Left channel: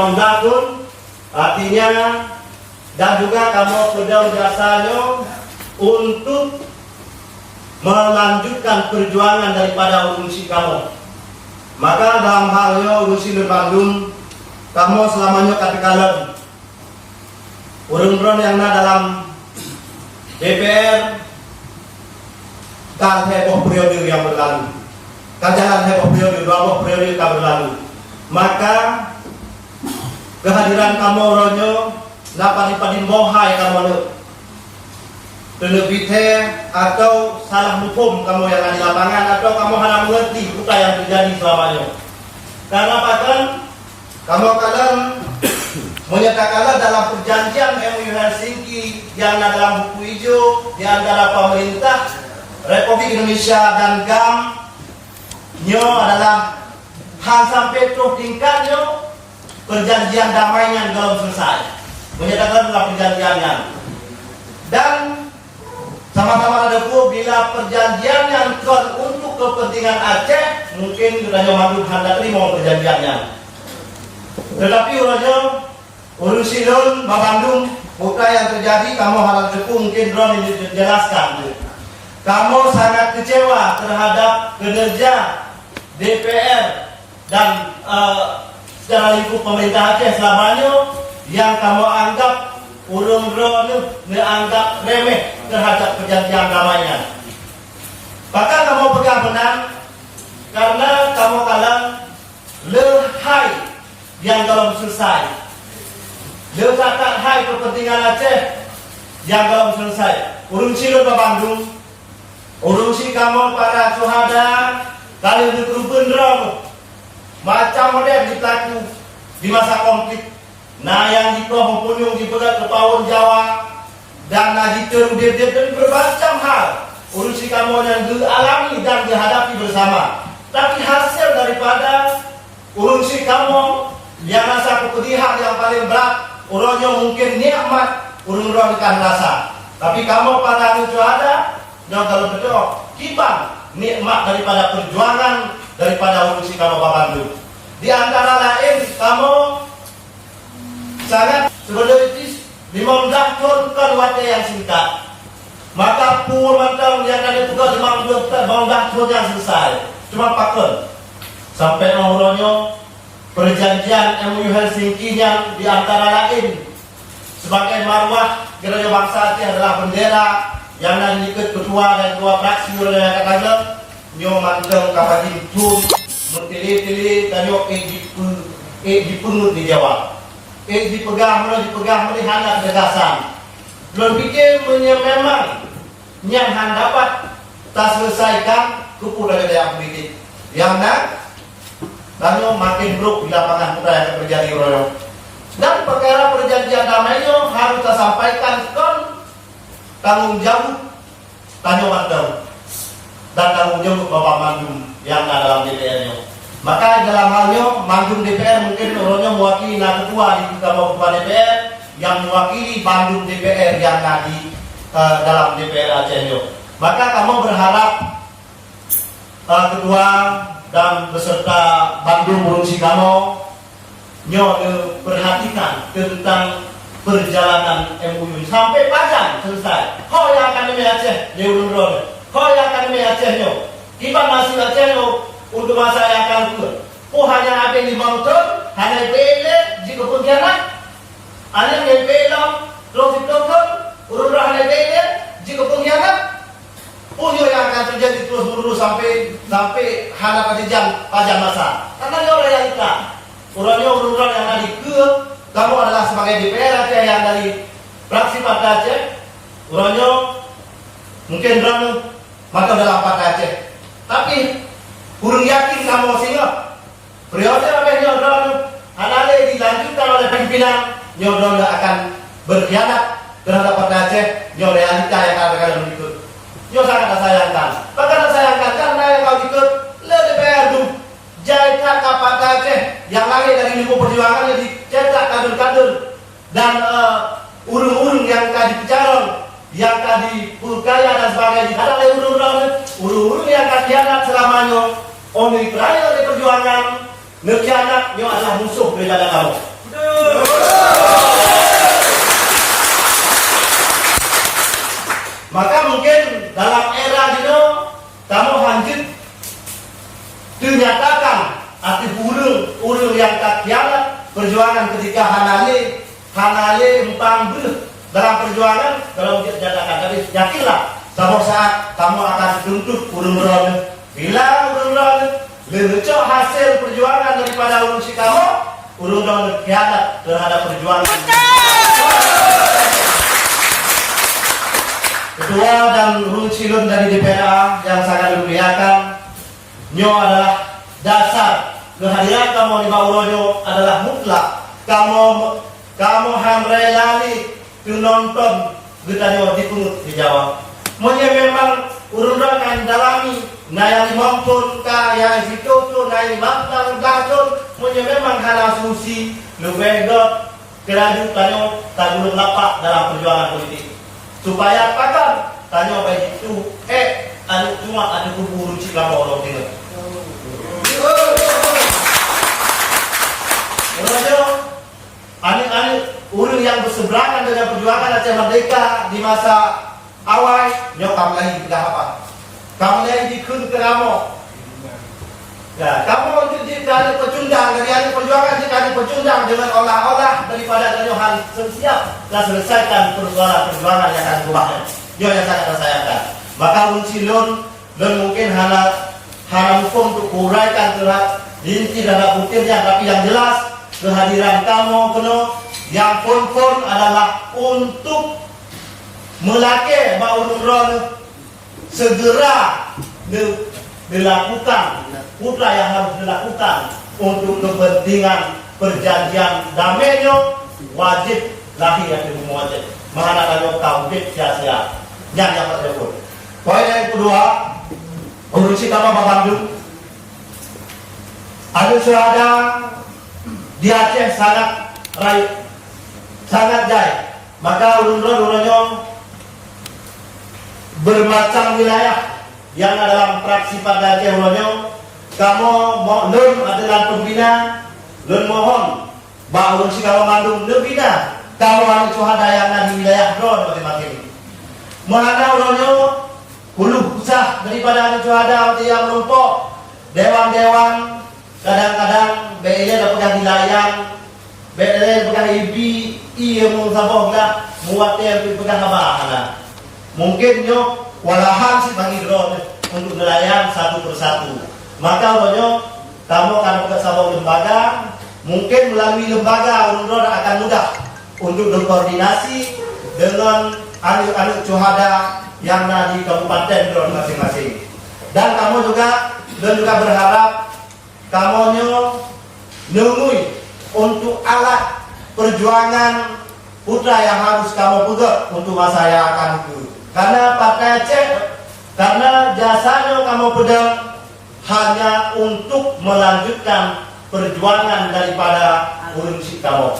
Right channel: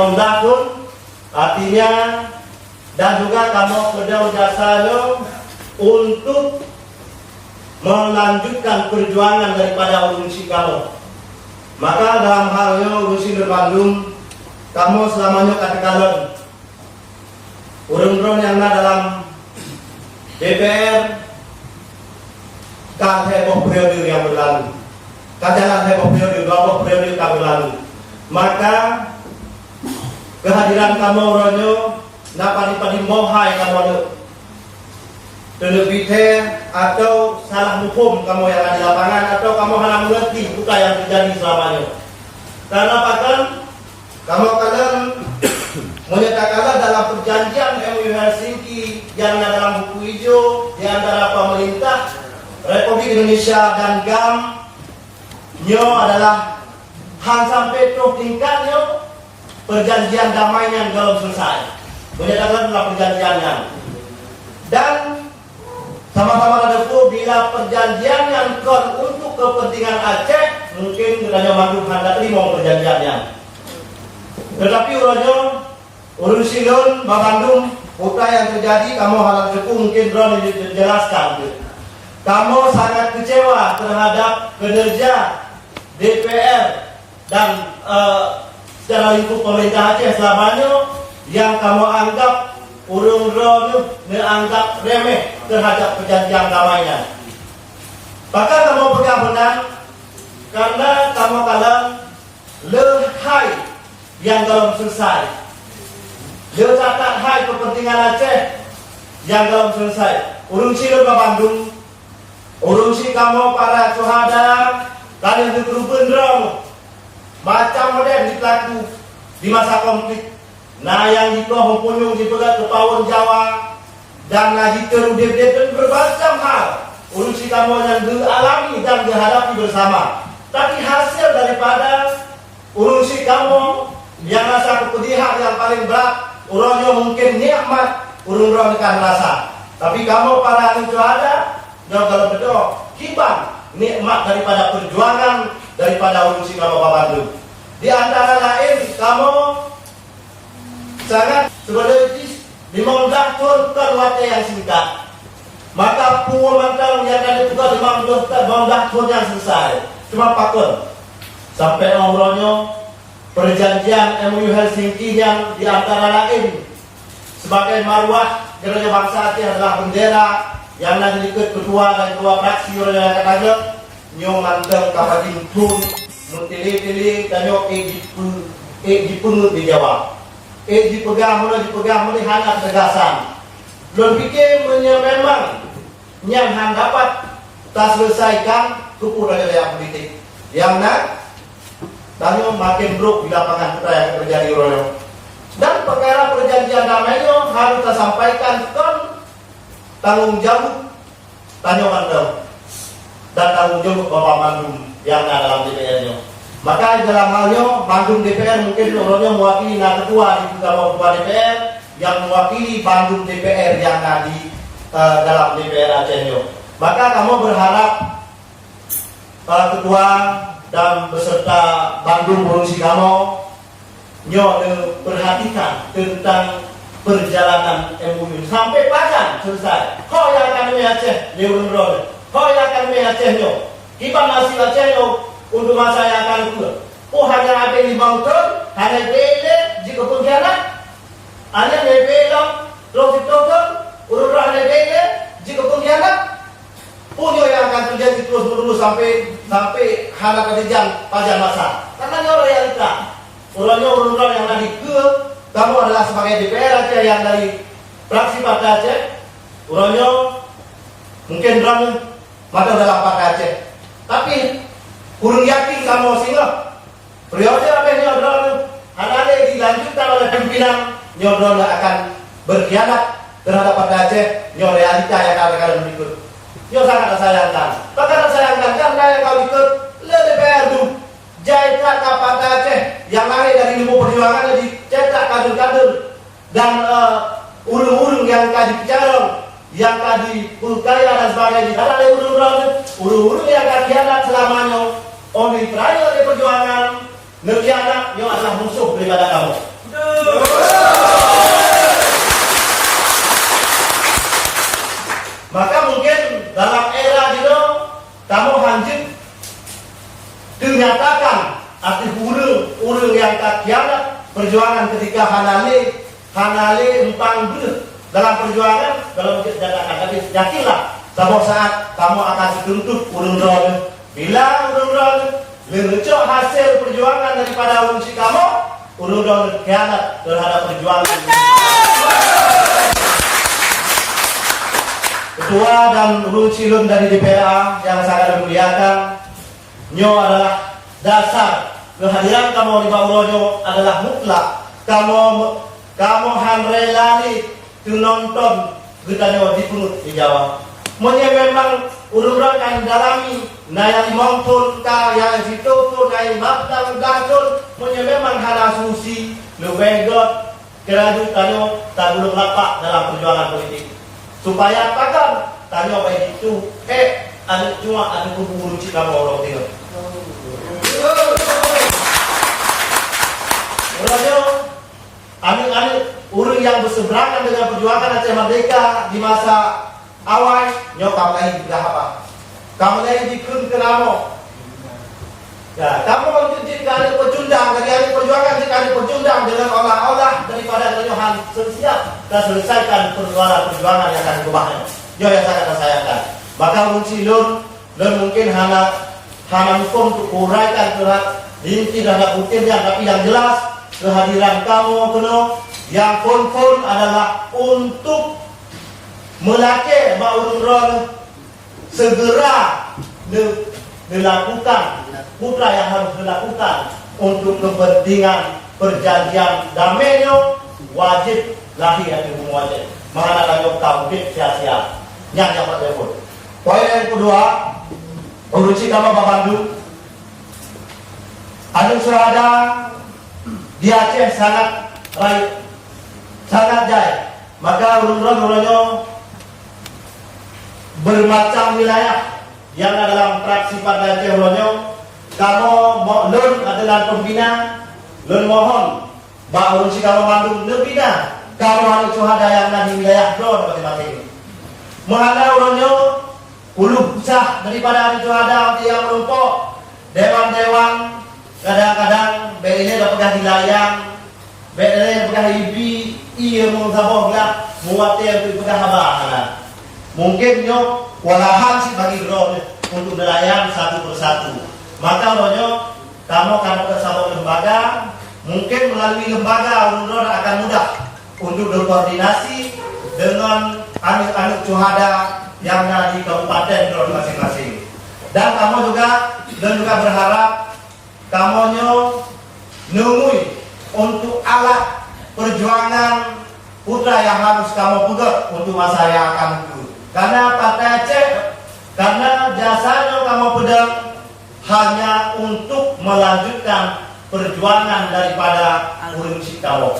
membangun, artinya dan juga kamu pedang jasanya untuk melanjutkan perjuangan daripada urusi kamu. Maka dalam halnya urusi di Bandung, kamu selamanya katakan urun-urun yang ada dalam DPR kan heboh periode yang berlalu, kajalan heboh periode 20 periode yang berlalu. Maka kehadiran kamu ronyo napani-pani mohai kamu penebite atau salah hukum kamu yang ada di lapangan, atau kamu hanya mengerti bukan yang terjadi selamanya. Karena bahkan kamu akan menyatakan dalam perjanjian MOU Helsinki yang ada dalam buku hijau di antara pemerintah Republik Indonesia dan GAM nyo adalah hang sampai tuh tingkatnya perjanjian damainya belum selesai. Menyatakan dalam perjanjiannya. Dan sama-sama ada bila perjanjian yang untuk kepentingan Aceh mungkin hanya makhluk hendak terima perjanjiannya. Tetapi urusin Bandung bukan yang terjadi, kamu harus cukup mungkin drone ini dijelaskan. Kamu sangat kecewa terhadap kinerja DPR dan secara lingkup pemerintah Aceh selamanya yang kamu anggap urung-urung menganggap remeh terhadap perjanjian damainya. Maka kamu pegang menang karena kamu kalah lehai yang belum selesai. Letakkan hai kepentingan Aceh yang belum selesai. Urusi lu ke Bandung, urusi kamu para suhada kalian itu beneran macam model dilaku di masa konflik. Nah yang di pohon punyung di pegat ke Pawon Jawa dan lagi terudit dan bermacam hal urusi kamu yang dialami dan dihadapi bersama. Tapi hasil daripada urusi kamu yang rasa kepedihan yang paling berat, urangnya mungkin nikmat, urang kan rasa. Tapi kamu pada itu ada yang kalau betul kibang nikmat daripada perjuangan daripada urusi kamu Bandung. Di antara lain kamu sangat sebenarnya 15 tahun kan waktu yang singkat. Maka puluhan tahun yang ada juga 15 tahun yang selesai. Cuma pakun sampai ngobrolnya perjanjian MOU Helsinki yang di antara lain sebagai marwah gereja bangsa Aceh adalah bendera yang nanti ikut ketua dan ketua fraksi yang kata nyo mandeng kapating tum mutili-tili dan nyo dipunut di Jawa. Dipegang melihat ketegasan. Belum pikir memang yang dapat tak selesaikan kupu dari daya politik. Yang nak dan makin buruk di lapangan kita yang terjadi royong. Dan perkara perjanjian damainya harus kita sampaikan kan tanggung jawab Tanjung dan tanggung jawab Bapak Mandum yang ada dalam DPR-nya. Maka dalam halnya Bandung DPR mungkin orangnya mewakili ketua di Ketua DPR yang mewakili Bandung DPR yang tadi dalam DPR Aceh. Maka kamu berharap ketua dan beserta Bandung urusi kamu perhatikan tentang perjalanan MOU sampai panjang selesai. Kau yang akan Aceh di urun-urun, kau yang akan Aceh kita masih Aceh untuk masa yang akan datang. Oh hanya apa 5 tahun, hanya bela jika pengkhianat, hanya bela terus ditokon, urut-urut hanya bela jika pengkhianat. Punya yang akan terjadi terus menerus sampai hanya kejadian panjang masa. Karena ini orang yang kita, orang yang tadi kamu adalah sebagai DPR Aceh yang dari fraksi Partai Aceh, orangnya mungkin drama maka dalam Partai Aceh. Tapi kurang yakin kamu sehingga periode apa nyodron hanya dilanjutkan oleh pimpinan nyodron akan berkhianat terhadap Partai Aceh nyo realita yang kadang-kadang berikut nyo sangat sayangkan. Bahkan sayangkan karena yang kau ikut le DPR tu cetak ke Partai Aceh yang lahir dari ilmu perjuangan jadi cetak kader-kader dan urung-urung yang tadi bicara yang tadi Bulgaya dan sebagainya ada urung-urung yang akan khianat selamanya. Oleh kerana dari perjuangan ngerjana yang adalah musuh dari kamu. hanale empang dulu dalam perjuangan kalau dia dadakan. Tapi yakinlah suatu saat kamu akan dituntut urun ron. Bila urun ron lecok hasil perjuangan daripada urun si kamu, urun ron khianat terhadap perjuangan. Ketua dan urun silun dari DPRA yang sangat dimuliakan, nyo adalah dasar kehadiran kamu di Bauronyo adalah mutlak. Kamu hanrelani nonton bertanya dipungut di Jawa. Mungkin memang urun kan dalami naya mampun kaya itu tu naya makna gaton. Mungkin memang hana susi lebegot kerajaan tanyo tabulung lapak dalam perjuangan politik. Supaya pakar tanyo baik itu anu cuma ada kubur si kamu orang tengok. Urunyo ani urun yang berseberangan dengan perjuangan Aceh Merdeka di masa awal, nyo kamu lagi tidak apa? Kamu lagi dikun ke kamu. Ya, kamu mau jadi kali pecundang, dari perjuangan jadi kali pecundang dengan olah-olah daripada tanyohan siap dan selesaikan persoalan perjuangan yang akan kubahnya. Yo yang sangat sayangkan. Bakal muncilun dan mungkin hanya hukum untuk uraikan terhadap inti dan butir yang tapi yang jelas kehadiran kamu penuh yang pun adalah untuk melake Bauron segera dilakukan putra yang harus dilakukan untuk kepentingan perjanjian damainya wajib lahir di wajib mana kalau tahu sia-sia yang tersebut. Poin yang kedua, urusi nama Bandung ada suada di Aceh sangat raih, sangat jaya. Maka urun-urunnya bermacam wilayah yang dalam praksi Partai Aceh urunnya. Kamu lun adalah pembina, lun mohon bahwa urun si kamu mandung lebihnya. Kamu anu suhada yang di wilayah lon masing-masing. Mana urunnya ulu usah daripada anu suhada yang menumpuk dewan-dewan. Kadang-kadang BLE dapat dilayang, BLE pegang ibi, iya mau saboglah, muatnya pegang habahan. Mungkin nyo walahan sih bagi drone untuk dilayang satu persatu. Maka nyo kamu akan bersama lembaga, mungkin melalui lembaga drone akan mudah untuk berkoordinasi dengan anak-anak cuhada yang ada di kabupaten drone masing-masing. Dan kamu juga berharap kamu nungui untuk alat perjuangan putra yang harus kamu pegang untuk masa yang akan datang. Karena Partai Aceh, karena jasanya kamu pegang hanya untuk melanjutkan perjuangan daripada urun si kamu.